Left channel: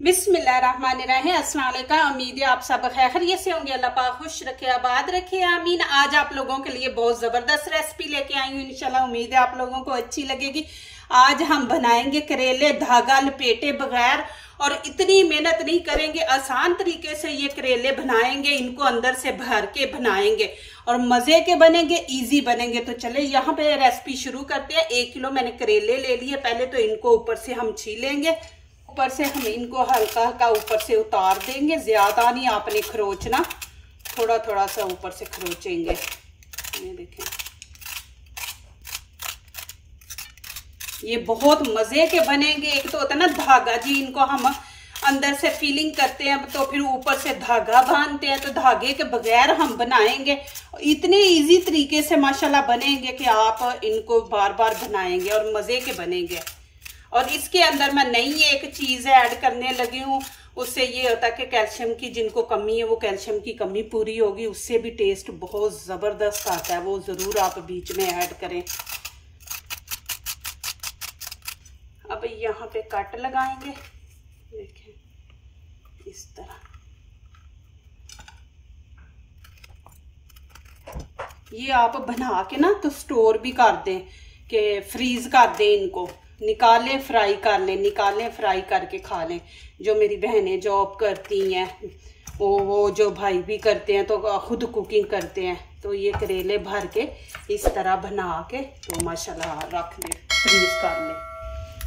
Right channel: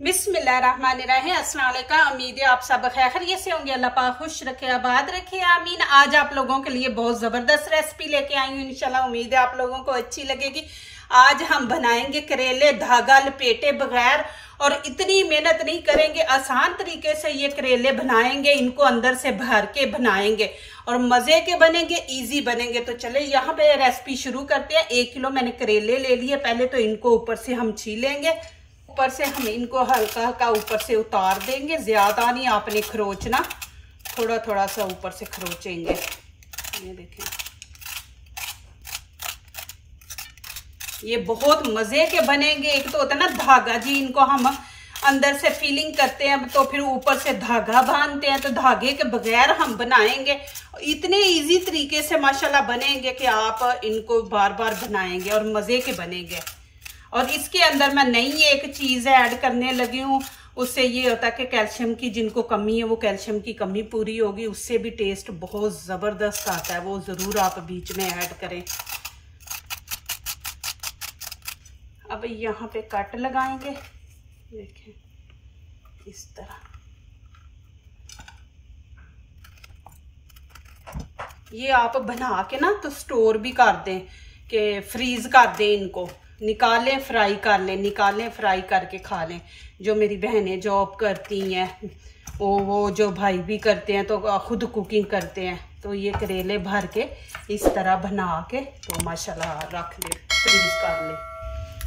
बिस्मिल्लाहिर्रहमानिर्रहीम। अस्सलाम वालेकुम। उम्मीद है आप सब खैरियत से होंगे। अल्लाह पाक खुश रखे, आबाद रखे, आमीन। आज आप लोगों के लिए बहुत ज़बरदस्त रेसिपी लेके आई हूँ। इंशाल्लाह उम्मीद है आप लोगों को अच्छी लगेगी। आज हम बनाएंगे करेले धागा लपेटे बगैर, और इतनी मेहनत नहीं करेंगे, आसान तरीके से ये करेले बनाएंगे। इनको अंदर से भर के बनाएंगे और मज़े के बनेंगे, इजी बनेंगे। तो चले यहाँ पे रेसिपी शुरू करते हैं। 1 किलो मैंने करेले ले लिए। पहले तो इनको ऊपर से हम छीलेंगे। ऊपर से हम इनको हल्का हल्का ऊपर से उतार देंगे, ज़्यादा नहीं आपने खरोचना, थोड़ा थोड़ा सा ऊपर से खरोचेंगे। ये देखें, ये बहुत मज़े के बनेंगे। एक तो होता है ना धागा जी, इनको हम अंदर से फीलिंग करते हैं तो फिर ऊपर से धागा बांधते हैं, तो धागे के बगैर हम बनाएंगे। इतने इजी तरीके से माशाल्लाह बनेंगे कि आप इनको बार बार बनाएंगे और मज़े के बनेंगे। और इसके अंदर मैं नई एक चीज़ ऐड करने लगी हूँ। उससे ये होता है कि कैल्शियम की जिनको कमी है वो कैल्शियम की कमी पूरी होगी। उससे भी टेस्ट बहुत ज़बरदस्त आता है, वो ज़रूर आप बीच में ऐड करें। अब यहाँ पे कट लगाएंगे, देखें इस तरह। ये आप बना के ना तो स्टोर भी कर दें, कि फ्रीज कर दें, इनको निकालें फ्राई कर लें, निकालें फ्राई करके खा लें। जो मेरी बहनें जॉब करती हैं, वो जो भाई भी करते हैं तो खुद कुकिंग करते हैं, तो ये करेले भर के इस तरह बना के तो माशाल्लाह रख लें, फ्रीज कर लें।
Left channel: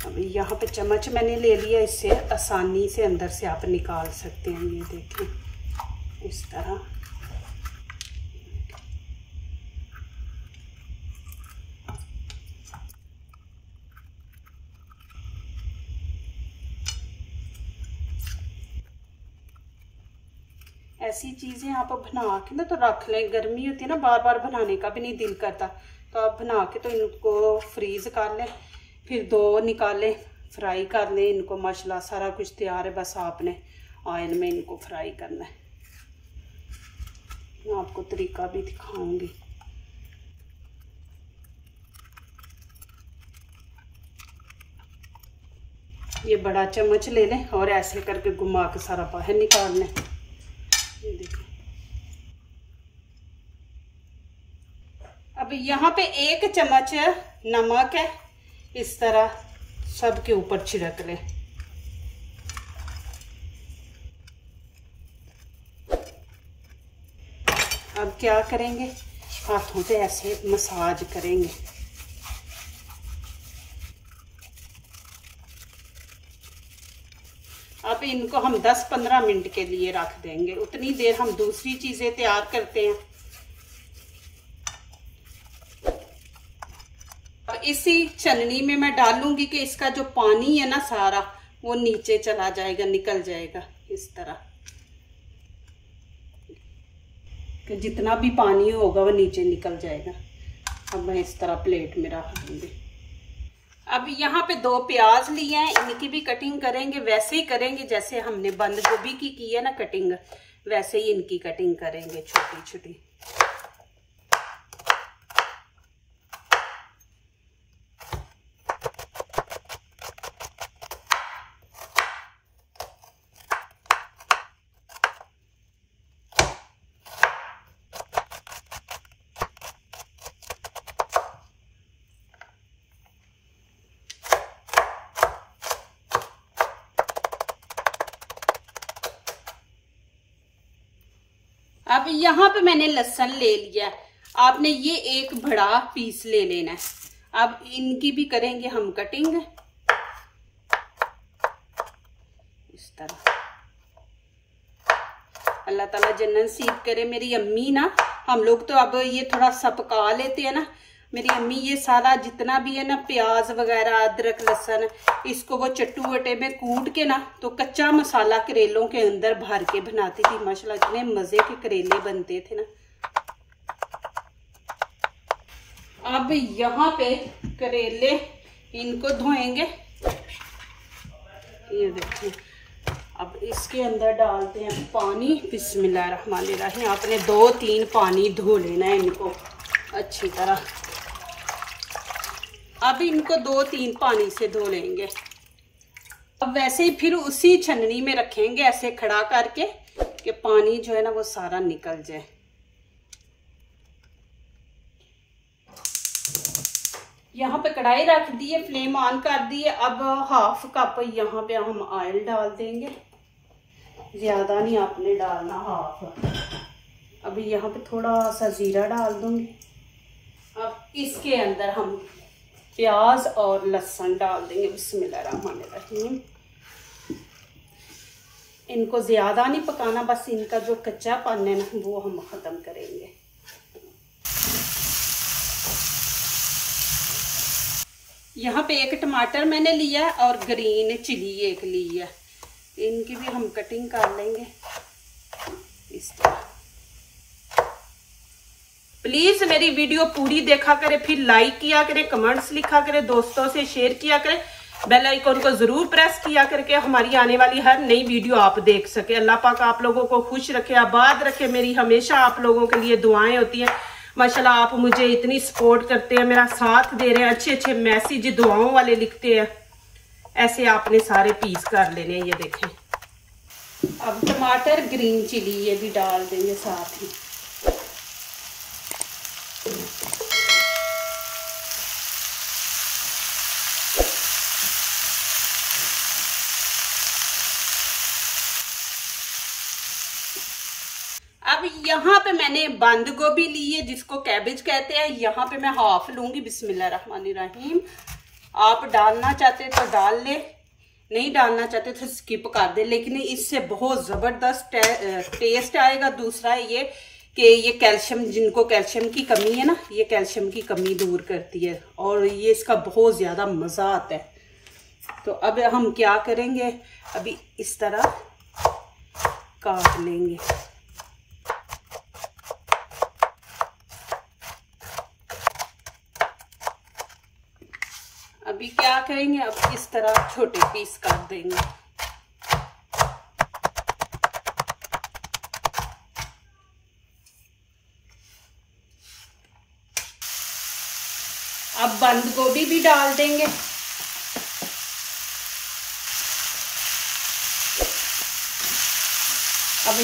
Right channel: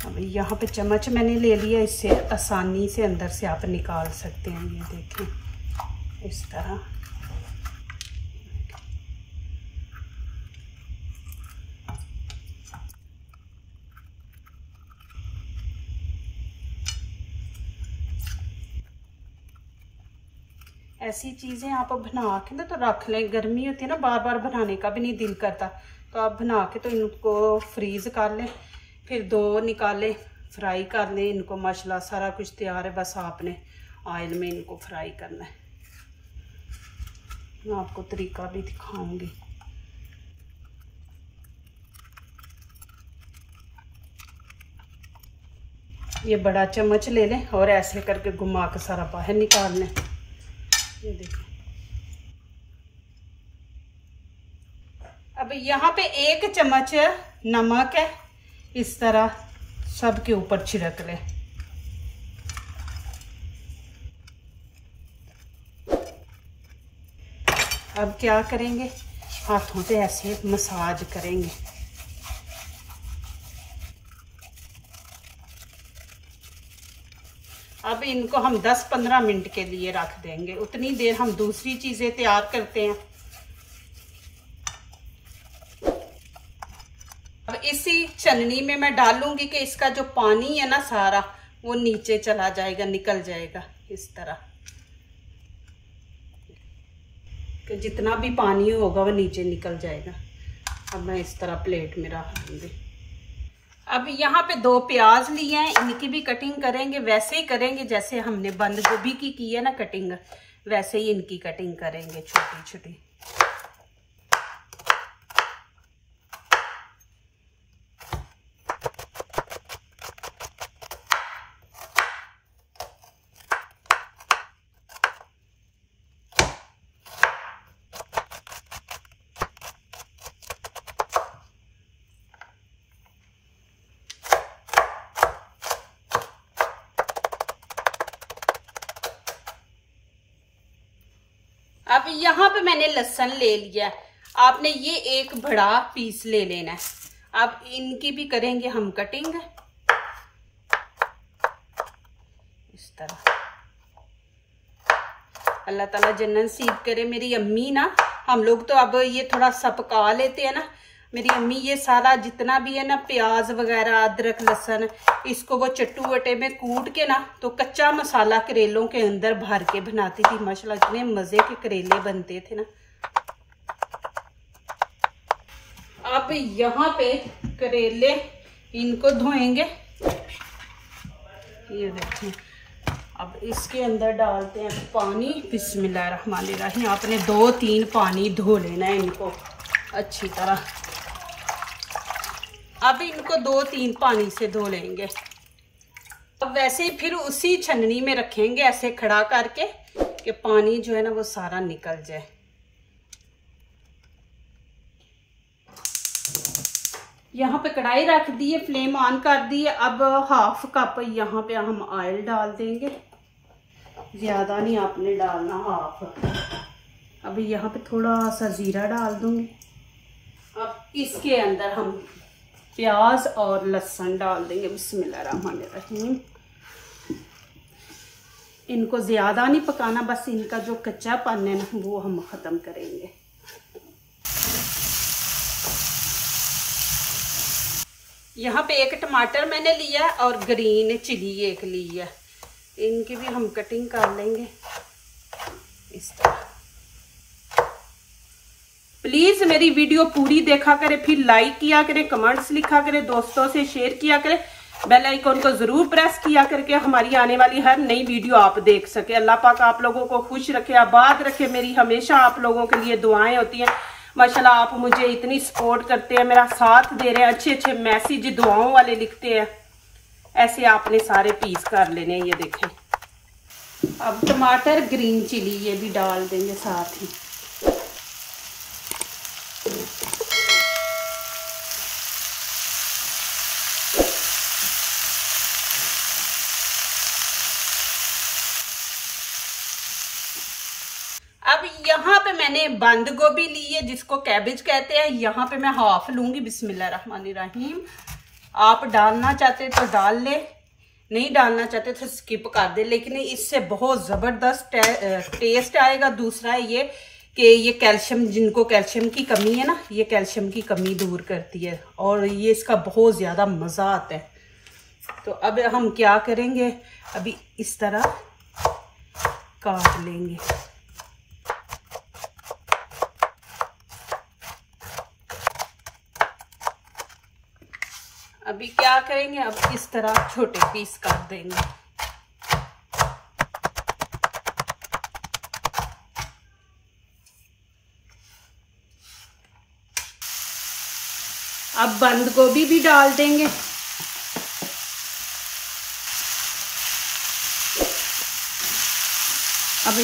अब यहाँ पे चम्मच मैंने ले लिया, इससे आसानी से अंदर से आप निकाल सकते हैं। ये देखें इस तरह। ऐसी चीज़ें आप बना के ना तो रख लें। गर्मी होती है ना, बार बार बनाने का भी नहीं दिल करता, तो आप बना के तो इनको फ्रीज कर लें, फिर 2 निकालें, फ्राई कर लें इनको। माशाल्लाह सारा कुछ तैयार है, बस आपने ऑयल में इनको फ्राई करना है। मैं आपको तरीका भी दिखाऊंगी। ये बड़ा चम्मच ले लें और ऐसे करके घुमा के सारा बाहर निकाल लें। ये देखो, अब यहाँ पे 1 चम्मच नमक है, इस तरह सब के ऊपर छिड़क लें। अब क्या करेंगे, हाथों पे ऐसे मसाज करेंगे। अब इनको हम 10-15 मिनट के लिए रख देंगे। उतनी देर हम दूसरी चीजें तैयार करते हैं। अब इसी छलनी में मैं डालूंगी कि इसका जो पानी है ना सारा वो नीचे चला जाएगा, निकल जाएगा इस तरह, कि जितना भी पानी होगा वो नीचे निकल जाएगा। अब मैं इस तरह प्लेट में रख दूंगी। अब यहाँ पे 2 प्याज लिए हैं, इनकी भी कटिंग करेंगे। वैसे ही करेंगे जैसे हमने बंद गोभी की है ना कटिंग, वैसे ही इनकी कटिंग करेंगे छोटी छोटी। अब यहाँ पे मैंने लहसुन ले लिया। आपने ये एक बड़ा पीस ले लेना है। अब इनकी भी करेंगे हम कटिंग इस तरह। अल्लाह ताला जन्नत नसीब करे। मेरी अम्मी ना, हम लोग तो अब ये थोड़ा सा पका लेते हैं ना, मेरी अम्मी ये सारा जितना भी है ना प्याज वगैरह, अदरक लहसुन, इसको वो चट्टू वटे में कूट के ना तो कच्चा मसाला करेलों के अंदर भर के बनाती थी। माशाल्लाह इतने मज़े के करेले बनते थे ना। अब यहाँ पे करेले इनको धोएंगे। ये देखिए, अब इसके अंदर डालते हैं पानी। बिस्मिल्लाहिर्रहमानिर्रहीम। आपने 2-3 पानी धो लेना है इनको अच्छी तरह। अब इनको 2-3 पानी से धो लेंगे। अब वैसे ही फिर उसी छन्नी में रखेंगे ऐसे खड़ा करके कि पानी जो है ना वो सारा निकल जाए। यहाँ पे कढ़ाई रख दी है, फ्लेम ऑन कर दी है। अब हाफ कप यहाँ पे हम ऑयल डाल देंगे, ज्यादा नहीं आपने डालना, हाफ। अभी यहाँ पे थोड़ा सा जीरा डाल दूंगी। अब इसके अंदर हम प्याज और लहसुन डाल देंगे। बिस्मिल्लाहिर्रहमानिर्रहीम। इनको ज्यादा नहीं पकाना, बस इनका जो कच्चापन है ना वो हम खत्म करेंगे। यहाँ पे एक टमाटर मैंने लिया है और ग्रीन चिली एक ली है। इनकी भी हम कटिंग कर लेंगे इस तरह। प्लीज मेरी वीडियो पूरी देखा करें, फिर लाइक किया करें, कमेंट्स लिखा करें, दोस्तों से शेयर किया करें, बेल आइकन को जरूर प्रेस किया करके हमारी आने वाली हर नई वीडियो आप देख सके। अल्लाह पाक आप लोगों को खुश रखे, आबाद रखे। मेरी हमेशा आप लोगों के लिए दुआएं होती हैं। माशाल्लाह आप मुझे इतनी सपोर्ट करते हैं, मेरा साथ दे रहे हैं, अच्छे अच्छे मैसेज दुआओं वाले लिखते हैं। ऐसे आपने सारे पीस कर लेने हैं। ये देखें। अब टमाटर, ग्रीन चिली ये भी डाल देंगे साथ ही। अब यहाँ पे मैंने बंद गोभी ली है जिसको कैबेज कहते हैं। यहाँ पे मैं हाफ लूंगी। बिस्मिल्लाहिर्रहमानिर्रहीम। आप डालना चाहते तो डाल ले, नहीं डालना चाहते तो स्किप कर दे, लेकिन इससे बहुत जबरदस्त टेस्ट आएगा। दूसरा ये कि ये कैल्शियम, जिनको कैल्शियम की कमी है ना, ये कैल्शियम की कमी दूर करती है और ये इसका बहुत ज्यादा मजा आता है। तो अब हम क्या करेंगे, अभी इस तरह काट लेंगे। अभी क्या करेंगे, अब इस तरह छोटे पीस कर देंगे। अब बंद गोभी भी डाल देंगे। अब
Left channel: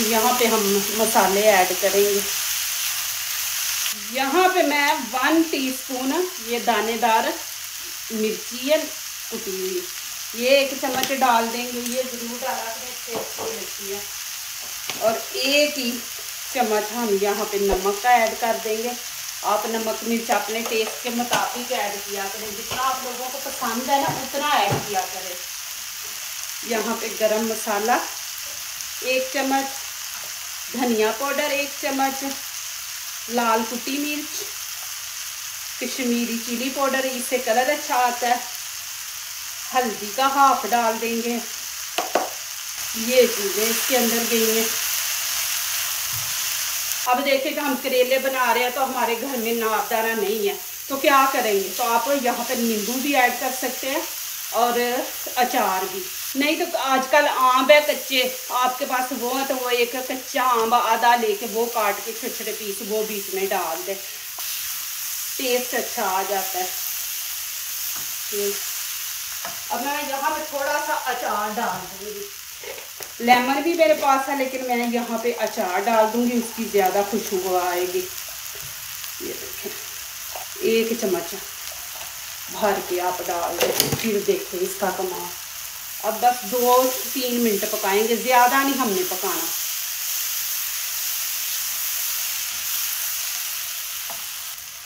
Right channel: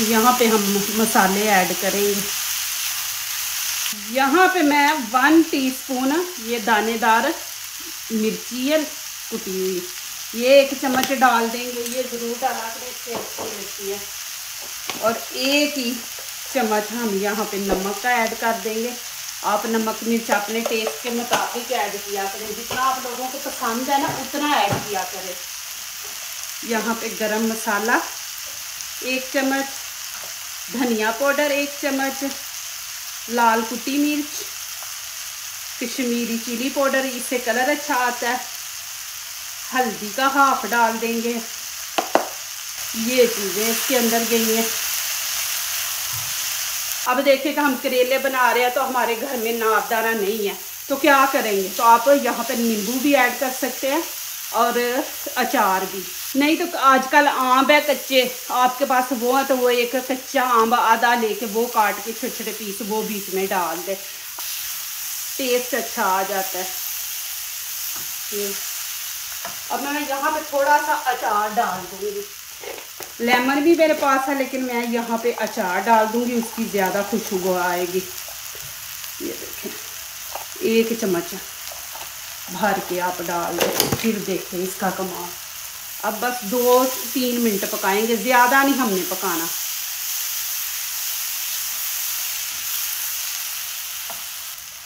यहाँ पे हम मसाले ऐड करेंगे। यहाँ पे मैं 1 टीस्पून ये दानेदार मिर्ची है कुटी हुई, ये 1 चम्मच डाल देंगे। ये जरूर डाला करें, इससे अच्छी लगती है। और 1 ही चम्मच हम यहाँ पे नमक का ऐड कर देंगे। आप नमक मिर्च अपने टेस्ट के मुताबिक ऐड किया करें, जितना आप लोगों को पसंद है ना उतना ऐड किया करें। यहाँ पे गरम मसाला 1 चम्मच, धनिया पाउडर 1 चम्मच, लाल कुटी मिर्च, कश्मीरी चिली पाउडर, इससे कलर अच्छा आता है, हल्दी का हाफ डाल देंगे। ये चीजें इसके अंदर गई हैं। अब देखिएगा हम करेले बना रहे हैं तो हमारे घर में नाबदाना नहीं है, तो क्या करेंगे, तो आप यहाँ पे नींबू भी ऐड कर सकते हैं और अचार भी। नहीं तो आजकल आम है कच्चे, आपके पास वो है तो वो एक कच्चा आम आधा लेके वो काट के छोटे छोटे पीस वो बीच में डाल दे, टेस्ट अच्छा आ जाता है। अब मैं यहाँ पे थोड़ा सा अचार डाल दूंगी। लेमन भी मेरे पास है लेकिन मैं यहाँ पे अचार डाल दूंगी, उसकी ज़्यादा खुशबू आएगी। ये देखें 1 चम्मच भर के आप डाल दें, फिर देखें इसका कमाल। अब बस 2-3 मिनट पकाएंगे, ज़्यादा नहीं हमने पकाना।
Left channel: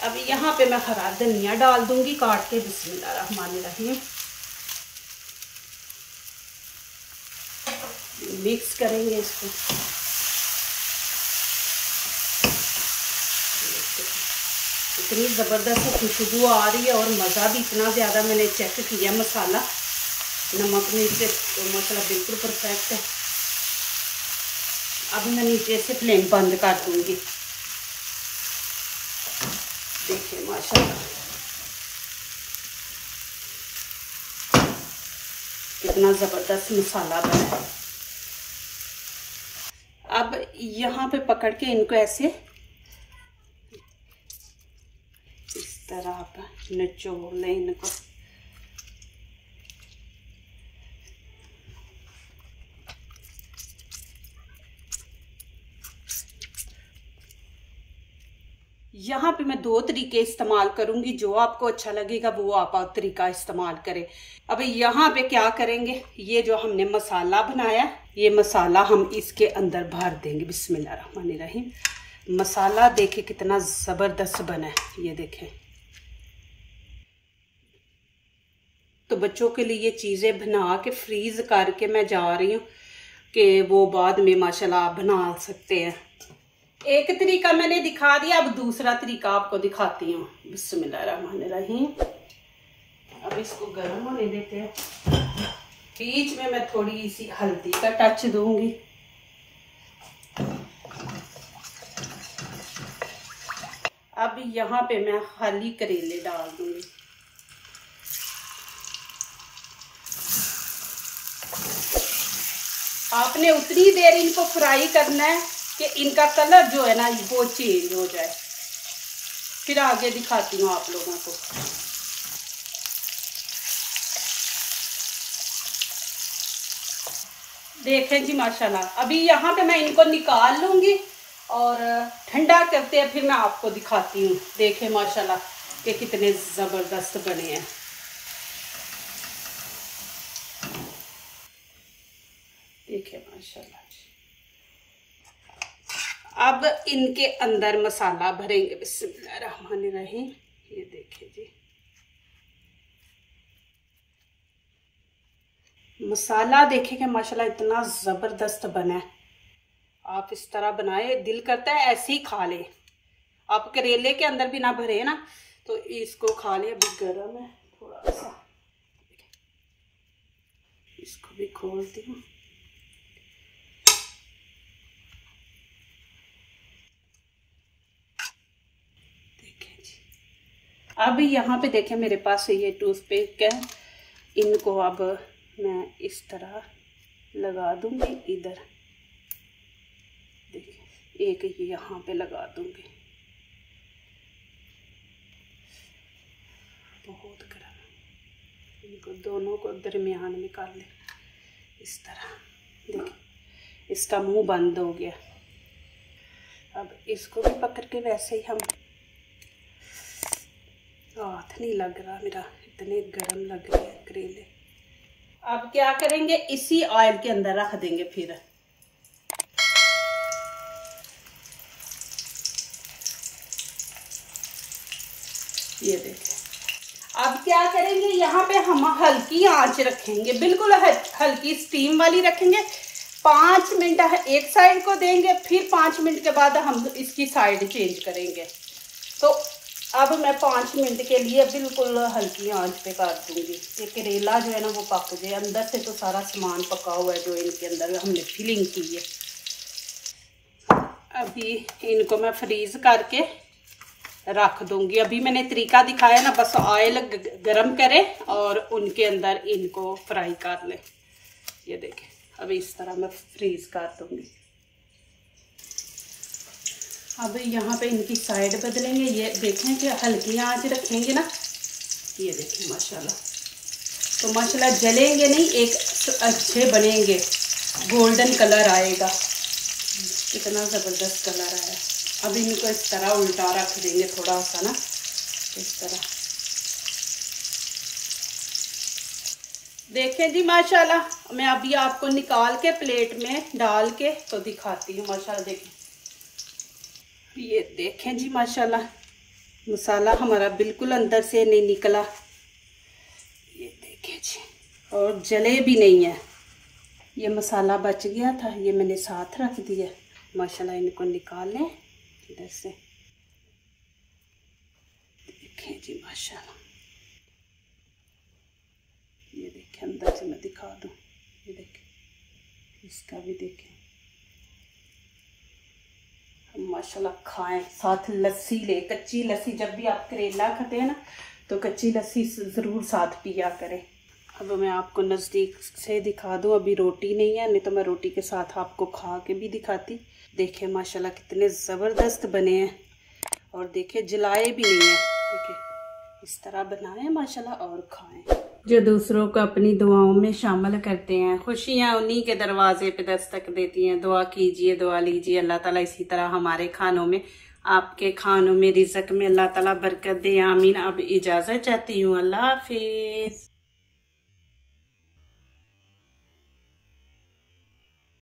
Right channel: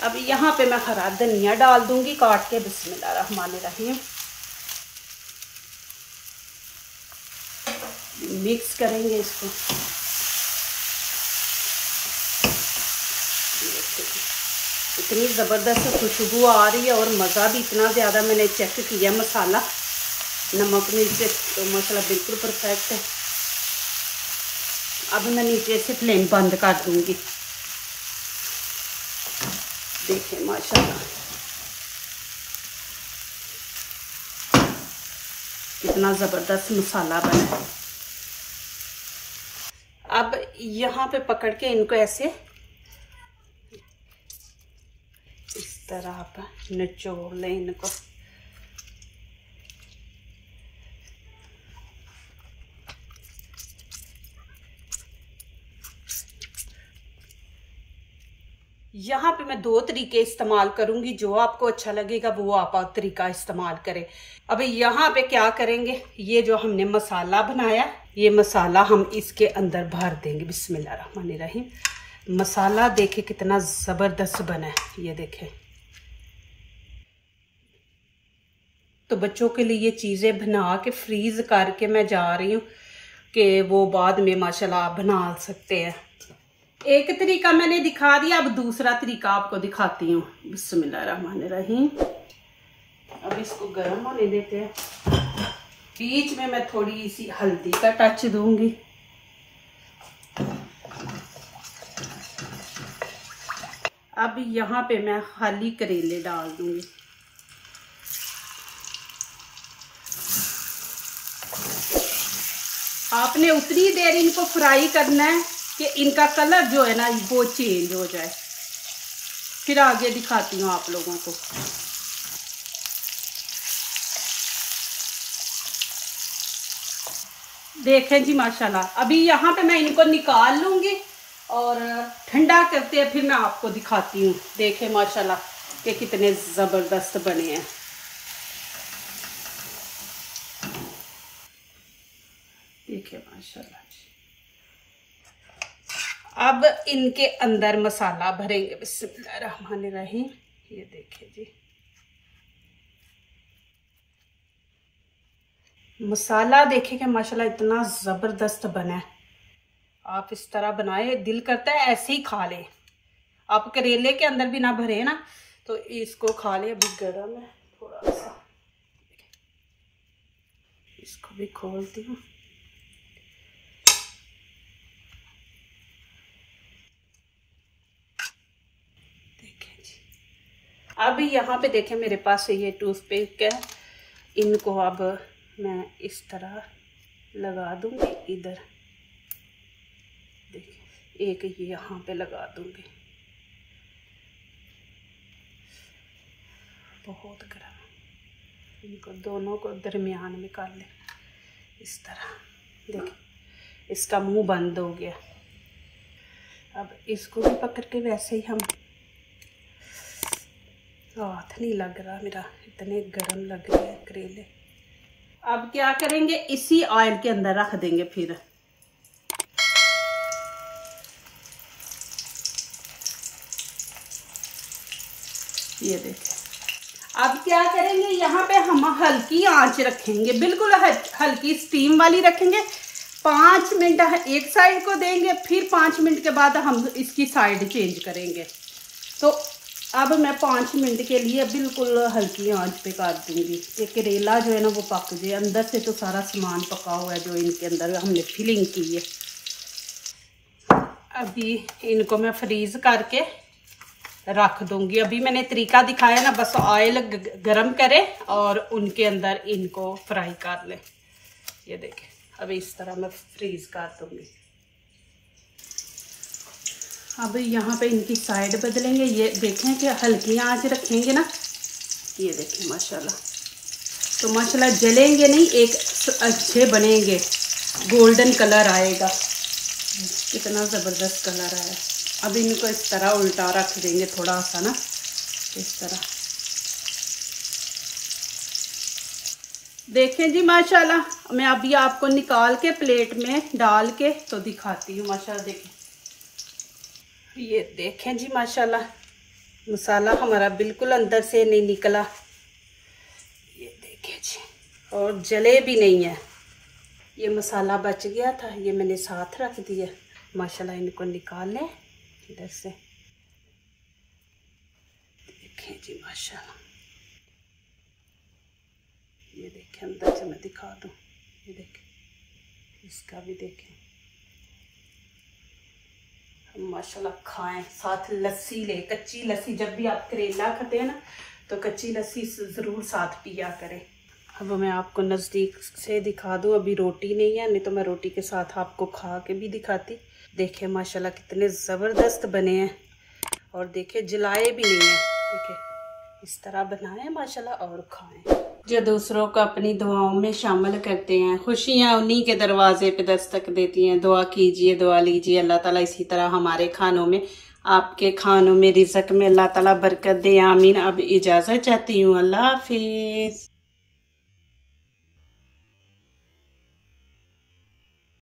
अब यहाँ पे मैं हरा धनिया डाल दूंगी काट के। बिस्मिल्लाहिर्रहमानिर्रहीम। मिक्स करेंगे इसको। इतनी ज़बरदस्त खुशबू आ रही है और मज़ा भी इतना ज़्यादा। मैंने चेक किया मसाला, नमक मिर्च तो मसाला बिल्कुल परफेक्ट है। अब मैं नीचे से फ्लेम बंद कर दूंगी। देखिए माशाल्लाह कितना ज़बरदस्त मसाला बना है। अब यहाँ पे पकड़ के इनको ऐसे इस तरह आप निचोड़ लें इनको। यहाँ पे मैं 2 तरीके इस्तेमाल करूंगी, जो आपको अच्छा लगेगा वो आप तरीका इस्तेमाल करें। अब यहाँ पे क्या करेंगे, ये जो हमने मसाला बनाया, ये मसाला हम इसके अंदर भर देंगे। बिस्मिल्लाहिर्रहमानिर्रहीम। मसाला देखे कितना ज़बरदस्त बना है, ये देखें। तो बच्चों के लिए ये चीज़ें बना के फ्रीज करके मैं जा रही हूँ कि वो बाद में माशाल्लाह आप बना सकते हैं। एक तरीका मैंने दिखा दिया, अब दूसरा तरीका आपको दिखाती हूँ। बिस्मिल्लाहिर्रहमानिर्रहीम। अब इसको गर्म होने देते हैं। बीच में मैं थोड़ी सी हल्दी का टच दूंगी। अब यहाँ पे मैं खाली करेले डाल दूंगी। आपने उतनी देर इनको फ्राई करना है कि इनका कलर जो है ना वो चेंज हो जाए। फिर आगे दिखाती हूँ आप लोगों को। देखें जी माशाल्लाह। अभी यहाँ पे मैं इनको निकाल लूंगी और ठंडा करते हैं, फिर मैं आपको दिखाती हूँ। देखें माशाल्लाह कि कितने ज़बरदस्त बने हैं। देखिए माशाल्लाह। अब इनके अंदर मसाला भरेंगे। बिस्मिल्लाहिर्रहमानिर्रहीम। ये देखिए जी, मसाला देखें कि माशाल्लाह इतना ज़बरदस्त बना है। आप इस तरह बनाए, दिल करता है ऐसे ही खा ले। आप करेले के अंदर भी ना भरे ना, तो इसको खा ले। अभी गर्म है थोड़ा सा, इसको भी खोलती हूँ। देखें जी, अभी यहाँ पे देखें मेरे पास ये टूथपिक है। इनको अब मैं इस तरह लगा दूंगी इधर। देखिए, एक ये यहाँ पे लगा दूंगी। बहुत गर्म। इनको दोनों को दरमियान में कर ले इस तरह। देखिए, इसका मुंह बंद हो गया। अब इसको भी पकड़ के वैसे ही हम, हाथ नहीं लग रहा मेरा, इतने गर्म लग रहे हैं करेले। अब क्या करेंगे, इसी ऑयल के अंदर रख देंगे। फिर ये देखिए, अब क्या करेंगे, यहाँ पे हम हल्की आंच रखेंगे, बिल्कुल हल्की स्टीम वाली रखेंगे। 5 मिनट एक साइड को देंगे, फिर 5 मिनट के बाद हम इसकी साइड चेंज करेंगे। तो अब मैं 5 मिनट के लिए बिल्कुल हल्की आंच पे कर दूंगी। ये करेला जो है ना वो पक जाए। अंदर से तो सारा सामान पका हुआ है जो इनके अंदर हमने फिलिंग की है। अभी इनको मैं फ्रीज करके रख दूंगी। अभी मैंने तरीका दिखाया ना, बस ऑयल गरम करें और उनके अंदर इनको फ्राई कर लें। ये देखें, अभी इस तरह मैं फ्रीज कर दूंगी। अब यहाँ पे इनकी साइड बदलेंगे। ये देखें कि हल्की आंच रखेंगे ना। ये देखें माशाल्लाह, तो माशाल्लाह जलेंगे नहीं, एक अच्छे बनेंगे, गोल्डन कलर आएगा। कितना ज़बरदस्त कलर आया। अब इनको इस तरह उल्टा रख देंगे थोड़ा सा ना, इस तरह। देखें जी माशाल्लाह, मैं अभी आपको निकाल के प्लेट में डाल के तो दिखाती हूँ। माशाल्लाह देखें, ये देखें जी माशाल्लाह, मसाला हमारा बिल्कुल अंदर से नहीं निकला। ये देखें जी, और जले भी नहीं है। ये मसाला बच गया था, ये मैंने साथ रख दिया। माशाल्लाह इनको निकाल लें इधर से। देखें जी माशाल्लाह, ये देखें अंदर से मैं दिखा दूँ। ये देखें, इसका भी देखें। हम माशाल्लाह खाएं, साथ लस्सी ले, कच्ची लस्सी। जब भी आप करेला खाते हैं ना, तो कच्ची लस्सी ज़रूर साथ पिया करें। अब मैं आपको नज़दीक से दिखा दूँ। अभी रोटी नहीं है, नहीं तो मैं रोटी के साथ आपको खा के भी दिखाती। देखें माशाल्लाह कितने ज़बरदस्त बने हैं, और देखें जलाए भी नहीं है। देखें, इस तरह बनाएं माशाल्लाह और खाएं। जो दूसरों को अपनी दुआओं में शामिल करते हैं, खुशियां उन्हीं के दरवाजे पे दस्तक देती हैं। दुआ कीजिए, दुआ लीजिए, अल्लाह ताला इसी तरह हमारे खानों में आपके खानों में, रिज़्क में अल्लाह ताला बरकत दे, आमीन। अब इजाज़त चाहती हूँ, अल्लाह हाफिज।